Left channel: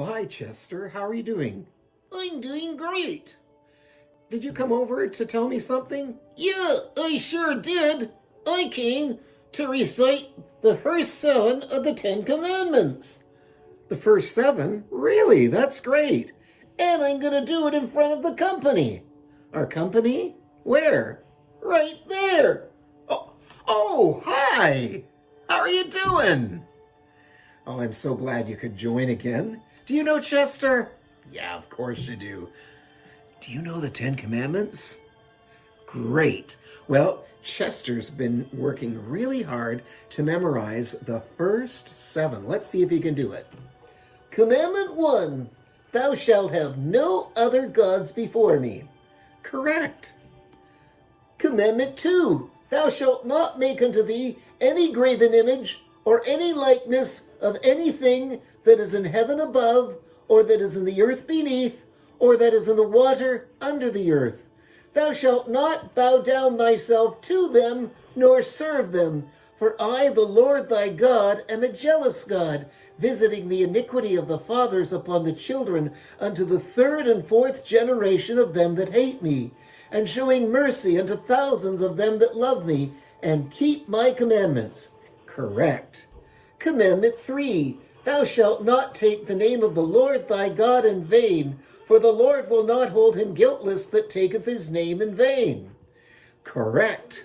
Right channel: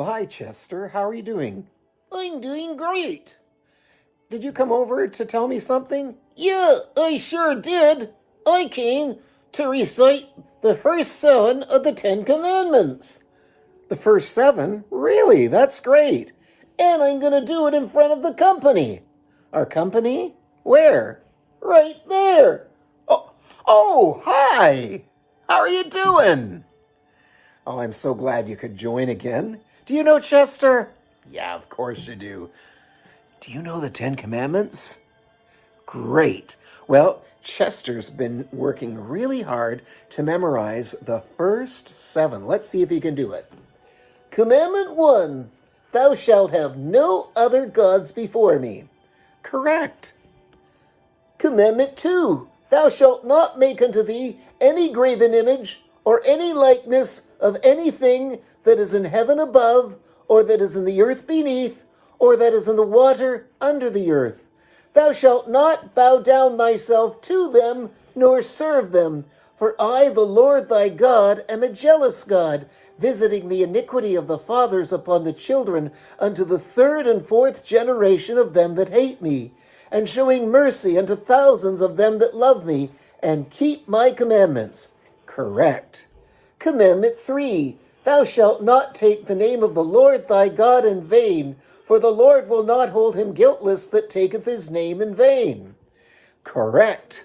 Well, hi, Chester. How are you doing? I'm doing great. Did you come over to tell me something? Yeah, I sure did. I came to recite the first 7 of the 10 Commandments. The first 7? Really? That's great. And I'm going to do it in front of the company. Our company? Where? Right there. Oh, hi. How are you doing? Oh, I'm so glad you could join again. Do you know Chester? Yeah, of course you do. Do you know the 10 Commandments? Great. Well, Chester's been working really hard to memorize the first 7. Let's see if he can do it. Commandment 1, thou shalt have no other gods before me. Correct. Commandment 2, thou shalt not make unto thee any graven image or any likeness of anything that is in heaven above, or that is in the earth beneath, or that is in the water under the earth. Thou shalt not bow down thyself to them, nor serve them. For I, the Lord thy God, am a jealous God, visiting the iniquity of the fathers upon the children unto the 3rd and 4th generation of them that hate me, and showing mercy unto thousands of them that love me, and keep my commandments. Correct. Commandment 3, thou shalt not take the name of the Lord thy God in vain, for the Lord will not hold him guiltless that taketh his name in vain. Correct.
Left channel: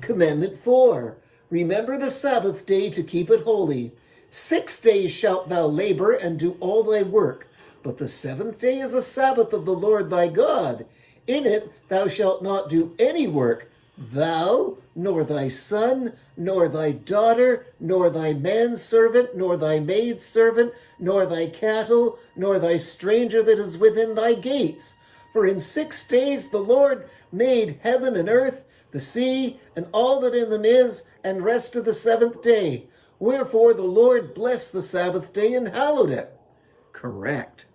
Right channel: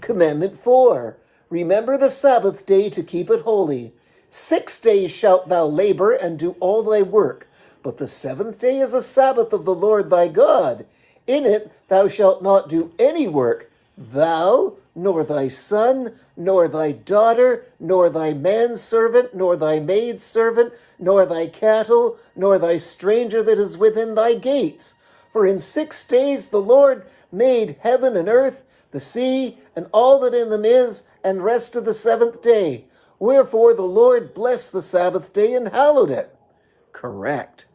Commandment 4, remember the Sabbath day to keep it holy. 6 days shalt thou labor and do all thy work, but the 7th day is a Sabbath of the Lord thy God. In it thou shalt not do any work, thou, nor thy son, nor thy daughter, nor thy manservant, nor thy maidservant, nor thy cattle, nor thy stranger that is within thy gates. For in 6 days the Lord made heaven and earth, the sea, and all that in them is, and rested the 7th day. Wherefore the Lord blessed the Sabbath day and hallowed it. Correct.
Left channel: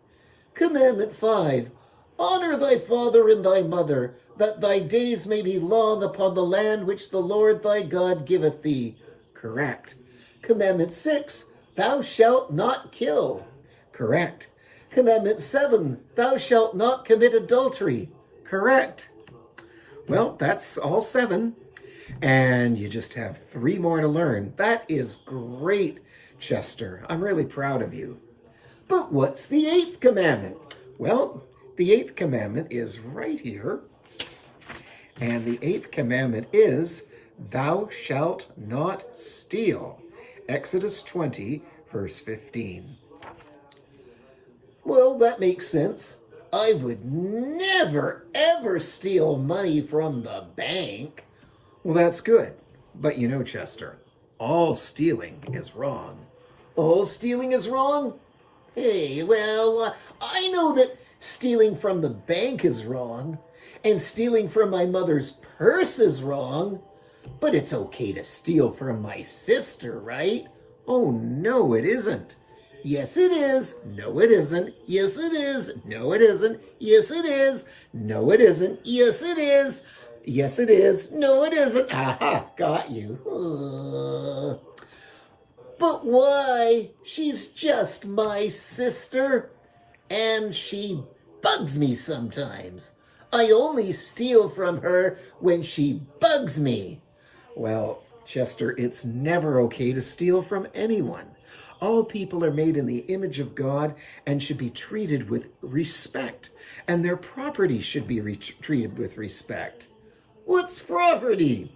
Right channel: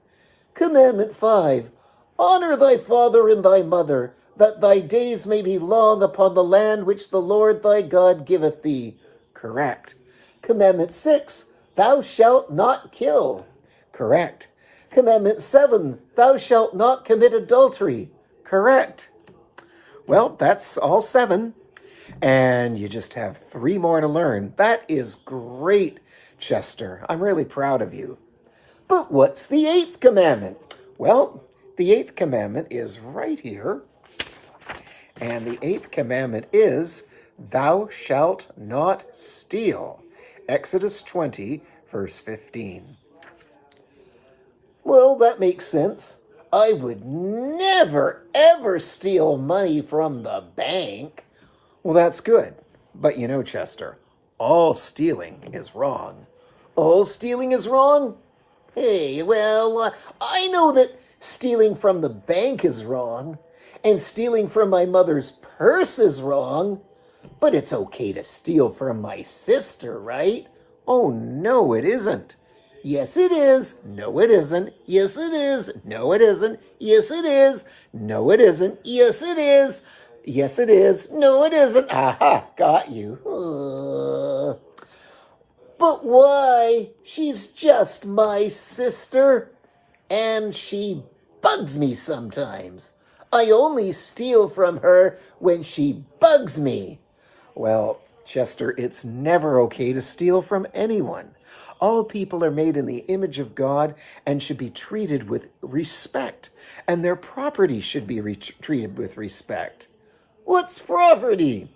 Commandment 5, honor thy father and thy mother, that thy days may be long upon the land which the Lord thy God giveth thee. Correct. Commandment 6, thou shalt not kill. Correct. Commandment 7, thou shalt not commit adultery. Correct. Well, that's all 7. And you just have 3 more to learn. That is great, Chester. I'm really proud of you. But what's the 8th commandment? Well, the 8th commandment is right here. And the 8th commandment is, thou shalt not steal. Exodus 20, verse 15. Well, that makes sense. I would never, ever steal money from the bank. Well, that's good. But you know, Chester, all stealing is wrong. All stealing is wrong? Hey, well, I know that stealing from the bank is wrong, and stealing from my mother's purse is wrong, but it's okay to steal from my sister, right? Oh, no, it isn't. Yes, it is. No, it isn't. Yes, it is. No, it isn't. Yes, it is. No, it isn't. Yes, it is. Yes, it is. No, it isn't. Aha, got you. But why? She's just my sister, and she bugs me sometimes. I only steal from her when she bugs me. Well, Chester, it's never okay to steal from anyone. All people are made in the image of God and should be treated with respect, and their property should be treated with respect. What's property?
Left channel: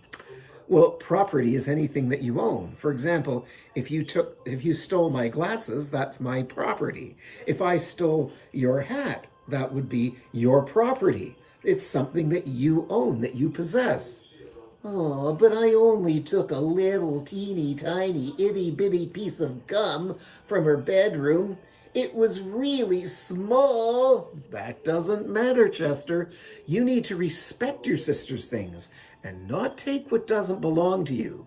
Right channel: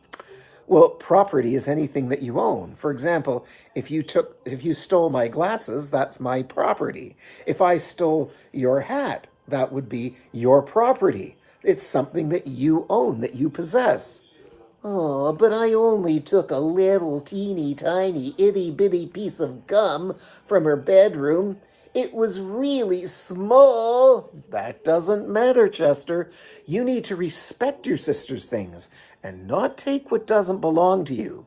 Well, property is anything that you own. For example, if you stole my glasses, that's my property. If I stole your hat, that would be your property. It's something that you own, that you possess. Oh, but I only took a little teeny tiny itty bitty piece of gum from her bedroom. It was really small. That doesn't matter, Chester. You need to respect your sister's things and not take what doesn't belong to you.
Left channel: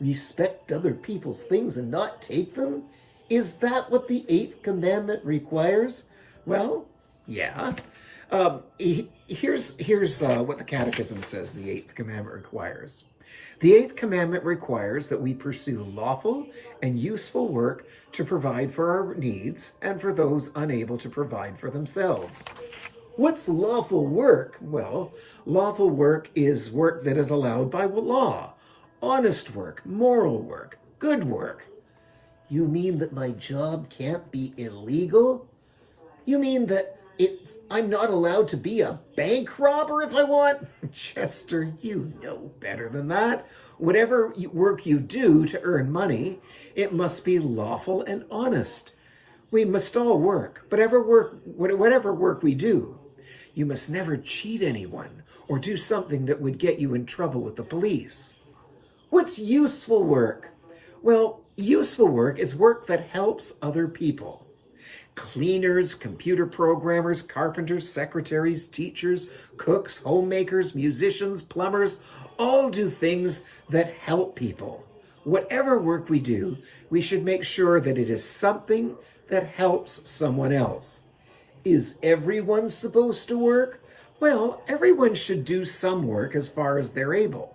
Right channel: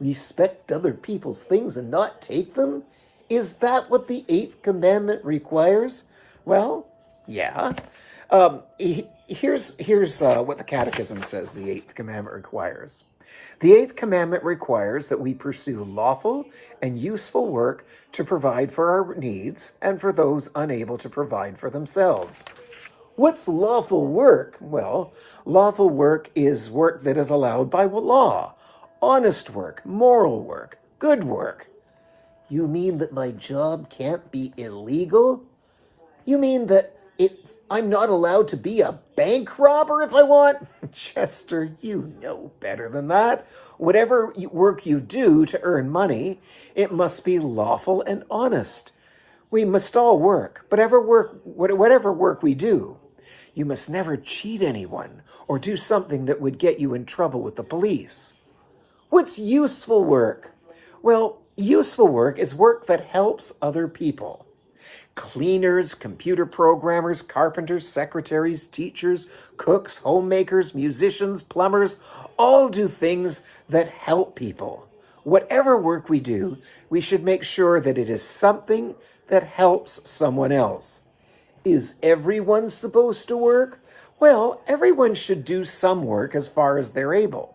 Respect other people's things and not take them? Is that what the 8th commandment requires? Well, yeah. Here's what the Catechism says the 8th commandment requires. The eighth commandment requires that we pursue lawful and useful work to provide for our needs and for those unable to provide for themselves. What's lawful work? Well, lawful work is work that is allowed by law. Honest work, moral work, good work. You mean that my job can't be illegal? You mean that I'm not allowed to be a bank robber if I want? Chester, you know better than that. Whatever work you do to earn money, it must be lawful and honest. We must all work, but whatever work we do, you must never cheat anyone or do something that would get you in trouble with the police. What's useful work? Well, useful work is work that helps other people. Cleaners, computer programmers, carpenters, secretaries, teachers, cooks, homemakers, musicians, plumbers, all do things that help people. Whatever work we do, we should make sure that it is something that helps someone else. Is everyone supposed to work? Well, everyone should do some work as far as they're able.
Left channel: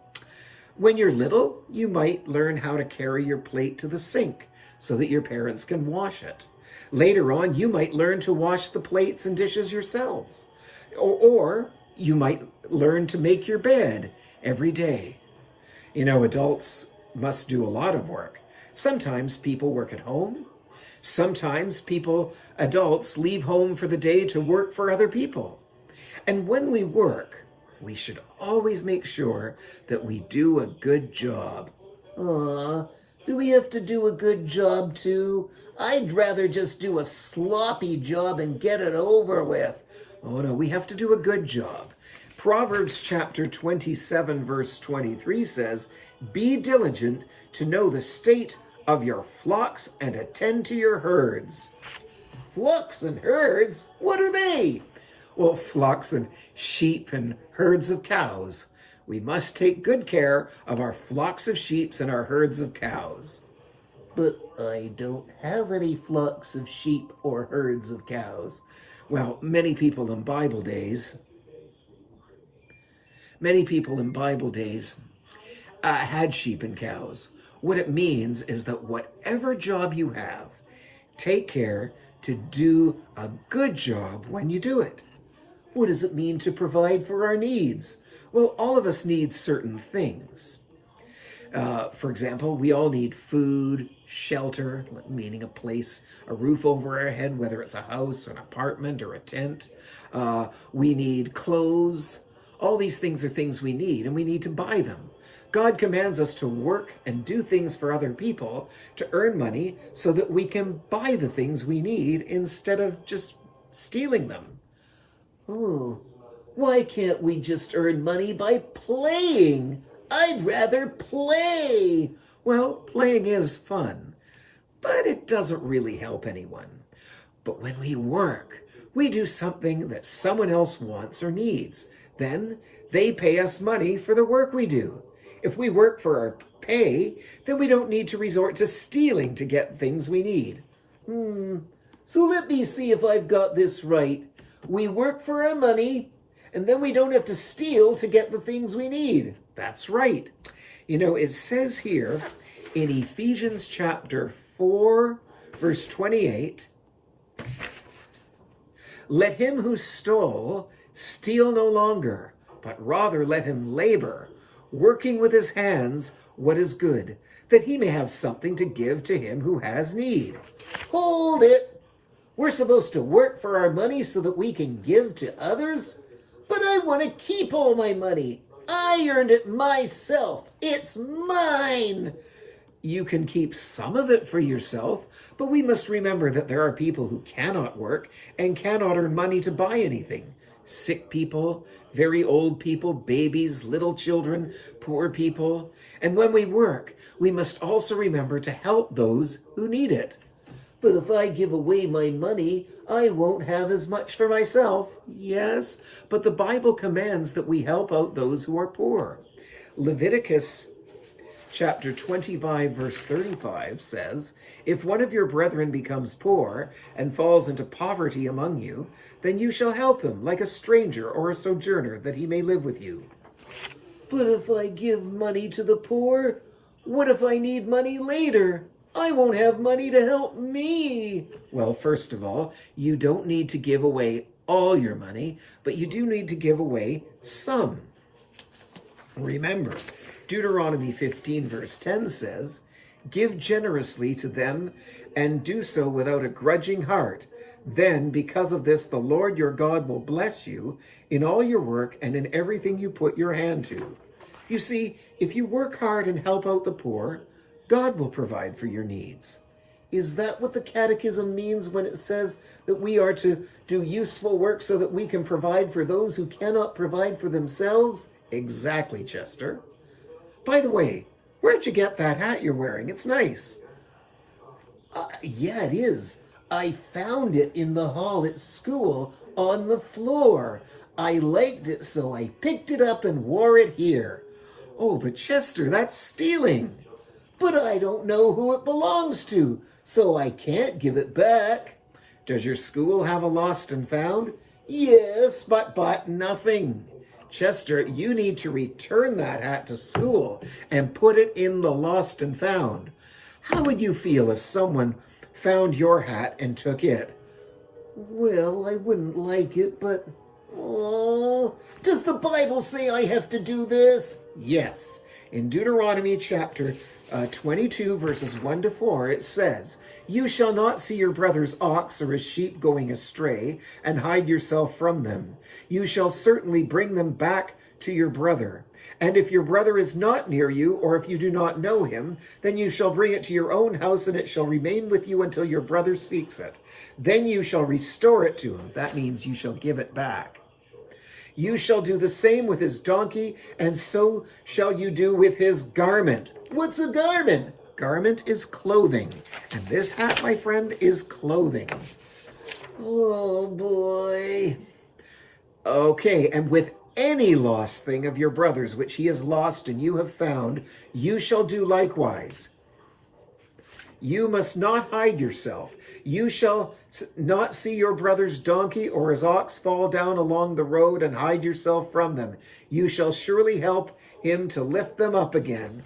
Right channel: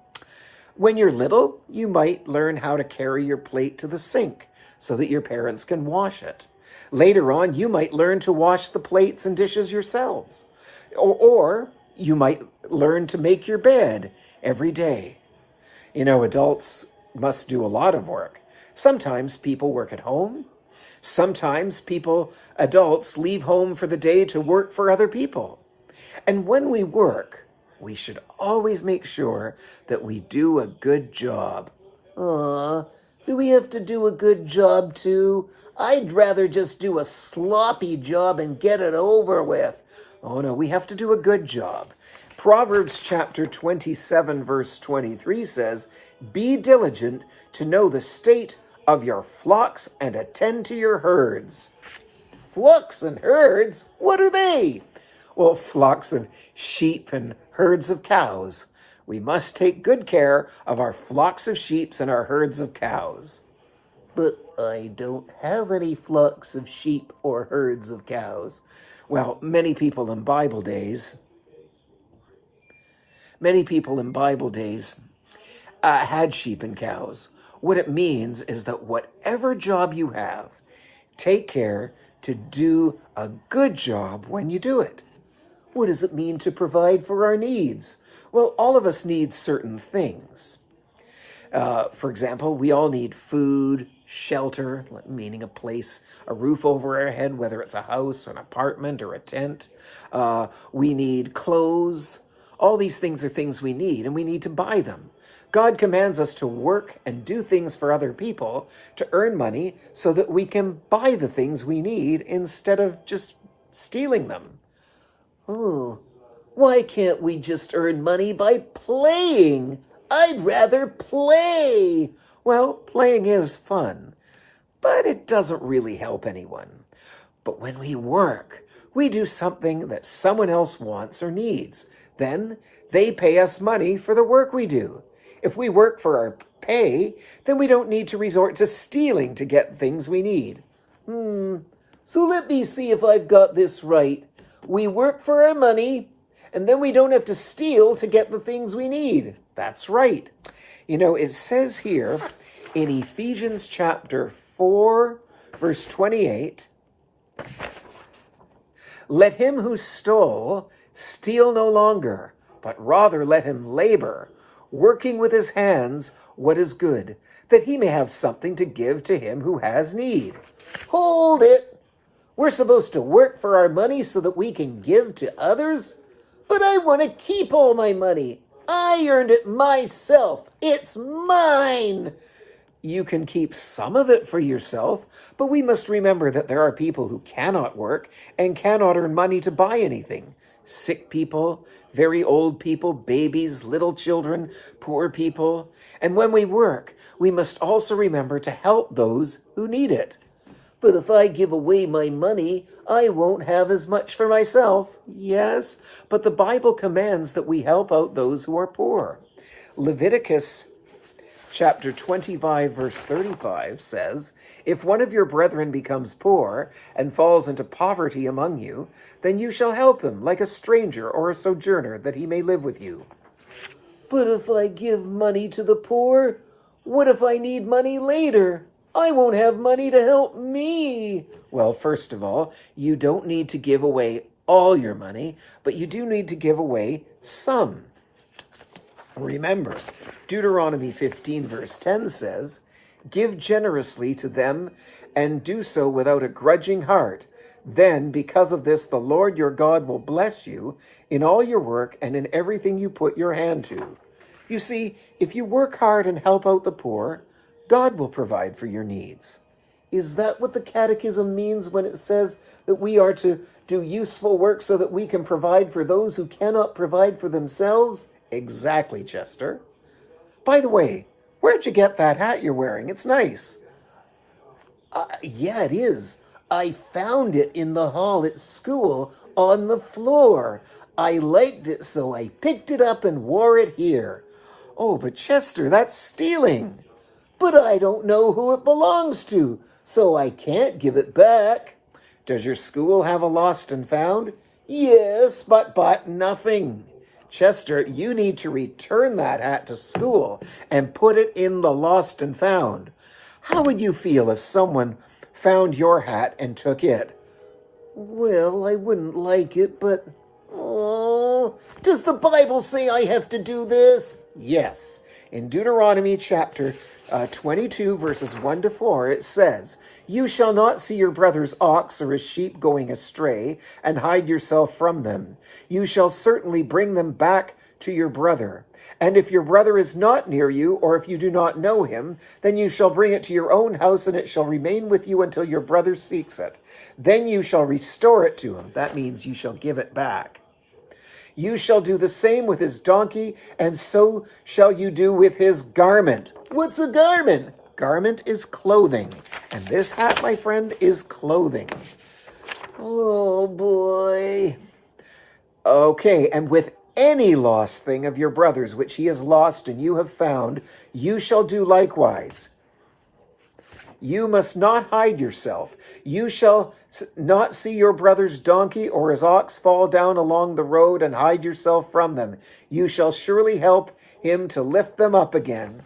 When you're little, you might learn how to carry your plate to the sink so that your parents can wash it. Later on, you might learn to wash the plates and dishes yourselves. Or you might learn to make your bed every day. You know, adults must do a lot of work. Sometimes people work at home. Sometimes adults leave home for the day to work for other people. And when we work, we should always make sure that we do a good job. Do we have to do a good job too? I'd rather just do a sloppy job and get it over with. Oh no, we have to do a good job. Proverbs chapter 27 verse 23 says, "Be diligent to know the state of your flocks and attend to your herds." Flocks and herds? What are they? Well, flocks of sheep and herds of cows. We must take good care of our flocks of sheep and our herds of cows. But I don't have any flocks of sheep or herds of cows. Well, many people in Bible days had sheep and cows. What it means is that whatever job you have, take care to do a good job when you do it. What does it mean to provide for our needs? Well, all of us need certain things. For example, we all need food, shelter, meaning a roof over our head, whether it's a house, an apartment, or a tent. We need clothes. All these things are things we need, and we need to buy them. God commands us to work and do things for other people to earn money so that we can buy the things we need instead of just stealing them. Oh, why can't we just earn money by playing? I'd rather play. Well, playing is fun, but it doesn't really help anyone. But when we work, we do something that someone else wants or needs. Then they pay us money for the work we do. If we work for our pay, then we don't need to resort to stealing to get things we need. So let me see if I've got this right. We work for our money, and then we don't have to steal to get the things we need. That's right. You know, it says here in Ephesians chapter 4, verse 28, "Let him who stole steal no longer, but rather let him labor, working with his hands what is good, that he may have something to give to him who has need." Hold it! We're supposed to work for our money so that we can give to others? But I want to keep all my money. I earned it myself. It's mine. You can keep some of it for yourself, but we must remember that there are people who cannot work and cannot earn money to buy anything. Sick people, very old people, babies, little children, poor people. And when we work, we must also remember to help those who need it. But if I give away my money, I won't have as much for myself. Yes, but the Bible commands that we help out those who are poor. Leviticus chapter 25, verse 35 says, "If one of your brethren becomes poor and falls into poverty among you, then you shall help him like a stranger or a sojourner, that he may live with you." But if I give money to the poor, what if I need money later? I won't have money to help me. Well, first of all, you don't need to give away all your money, but you do need to give away some. Remember, Deuteronomy 15 verse 10 says, "Give generously to them and do so without a grudging heart. Then, because of this, the Lord your God will bless you in all your work and in everything you put your hand to." You see, if you work hard and help out the poor, God will provide for your needs. Is that what the Catechism means when it says that we are to do useful work so that we can provide for those who cannot provide for themselves? Exactly, Chester. By the way, where'd you get that hat you're wearing? It's nice. Yeah, it is. I found it in the hall at school on the floor. I liked it, so I picked it up and wore it here. Oh, but Chester, that's stealing. But I don't know who it belongs to, so I can't give it back. Does your school have a lost and found? Yes, But nothing. Chester, you need to return that hat to school and put it in the lost and found. How would you feel if someone found your hat and took it? Well, I wouldn't like it, but... Oh, does the Bible say I have to do this? Yes. In Deuteronomy chapter 22 verses 1 to 4, it says, "You shall not see your brother's ox or his sheep going astray and hide yourself from them. You shall certainly bring them back to your brother. And if your brother is not near you, or if you do not know him, then you shall bring it to your own house, and it shall remain with you until your brother seeks it. Then you shall restore it to him." That means you shall give it back. "You shall do the same with his donkey, and so shall you do with his garment." What's a garment? Garment is clothing, and this hat, my friend, is clothing. Oh, boy. Okay, and with any lost thing of your brother's which he has lost and you have found, you shall do likewise. You must not hide yourself. You shall not see your brother's donkey or his ox fall down along the road and hide yourself from them. You shall surely help him to lift them up again.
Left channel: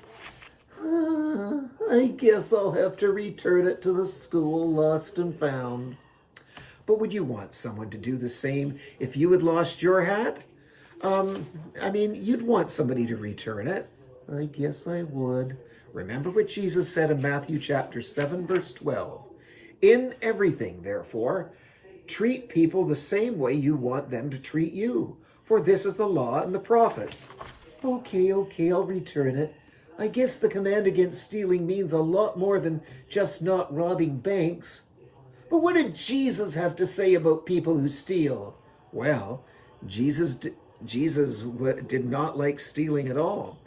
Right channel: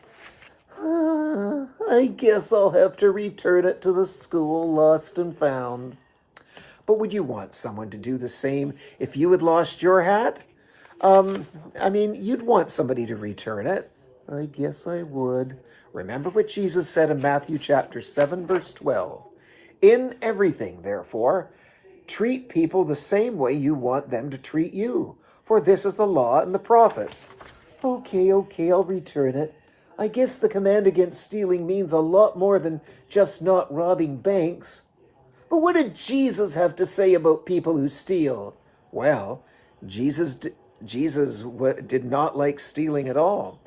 I guess I'll have to return it to the school lost and found. But would you want someone to do the same if you had lost your hat? You'd want somebody to return it. I guess I would. Remember what Jesus said in Matthew chapter 7, verse 12. "In everything, therefore, treat people the same way you want them to treat you, for this is the law and the prophets." Okay, I'll return it. I guess the command against stealing means a lot more than just not robbing banks. But what did Jesus have to say about people who steal? Well, Jesus did not like stealing at all.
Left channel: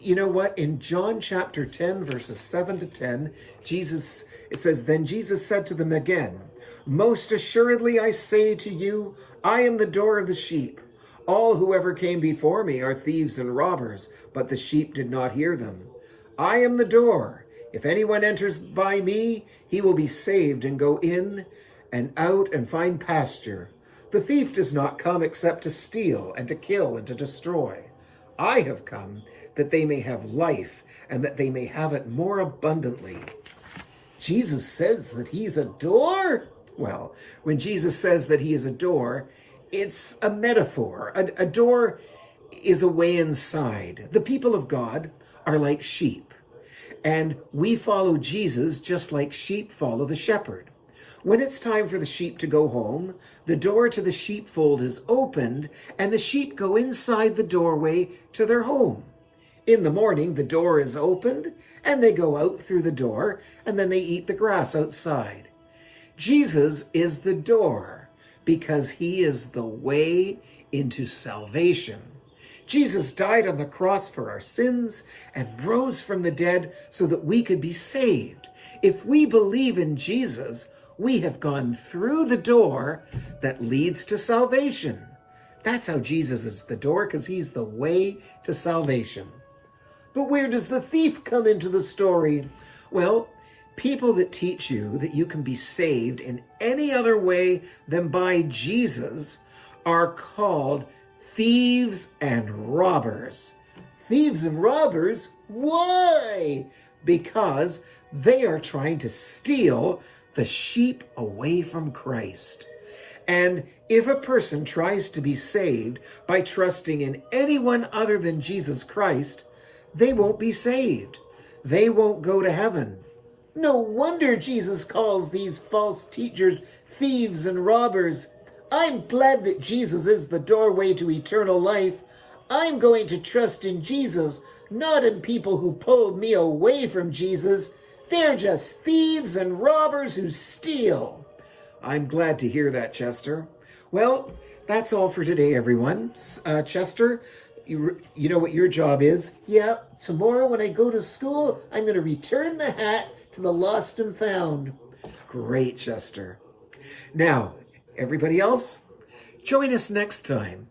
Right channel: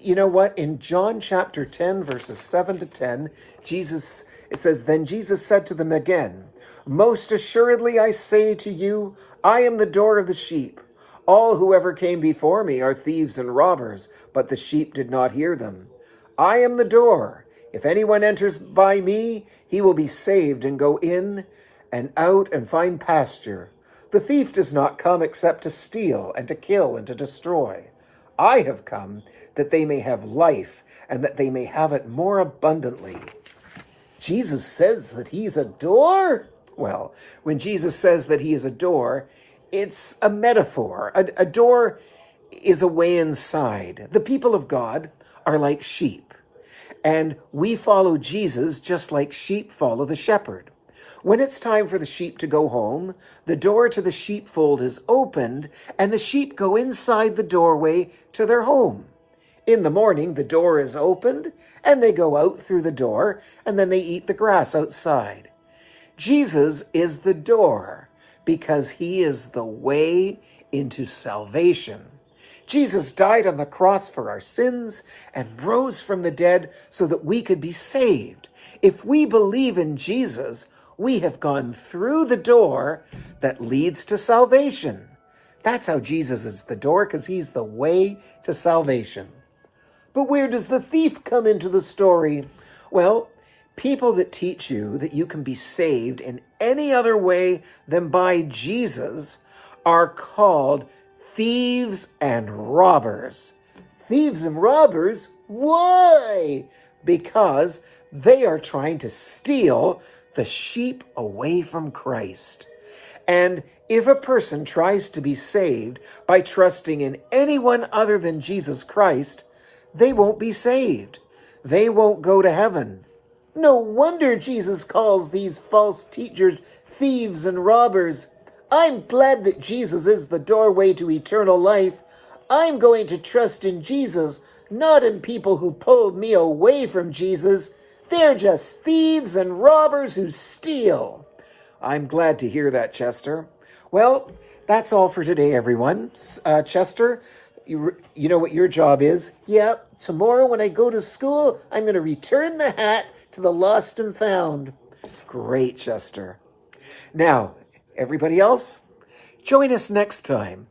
You know what? In John chapter 10, verses 7 to 10, it says, "Then Jesus said to them again, 'Most assuredly I say to you, I am the door of the sheep. All who ever came before me are thieves and robbers, but the sheep did not hear them. I am the door. If anyone enters by me, he will be saved and go in and out and find pasture. The thief does not come except to steal and to kill and to destroy. I have come that they may have life and that they may have it more abundantly.'" Jesus says that he's a door? Well, when Jesus says that he is a door, it's a metaphor. A door is a way inside. The people of God are like sheep, and we follow Jesus just like sheep follow the shepherd. When it's time for the sheep to go home, the door to the sheepfold is opened, and the sheep go inside the doorway to their home. In the morning, the door is opened, and they go out through the door, and then they eat the grass outside. Jesus is the door, because he is the way into salvation. Jesus died on the cross for our sins and rose from the dead so that we could be saved. If we believe in Jesus, we have gone through the door that leads to salvation. That's how Jesus is the door, because he's the way to salvation. But where does the thief come into the story? Well, people that teach you that you can be saved in any other way than by Jesus are called thieves and robbers. Thieves and robbers? Why? Because they are trying to steal the sheep away from Christ. And if a person tries to be saved by trusting in anyone other than Jesus Christ, they won't be saved. They won't go to heaven. No wonder Jesus calls these false teachers thieves and robbers. I'm glad that Jesus is the doorway to eternal life. I'm going to trust in Jesus, not in people who pulled me away from Jesus. They're just thieves and robbers who steal. I'm glad to hear that, Chester. Well, that's all for today, everyone. Chester, you know what your job is? Yep, tomorrow when I go to school, I'm going to return the hat to the lost and found. Great, Chester. Now, everybody else, join us next time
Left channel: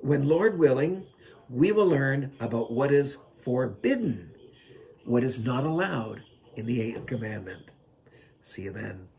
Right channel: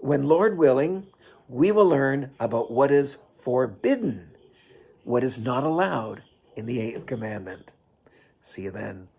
when, Lord willing, we will learn about what is forbidden, what is not allowed in the 8th commandment. See you then.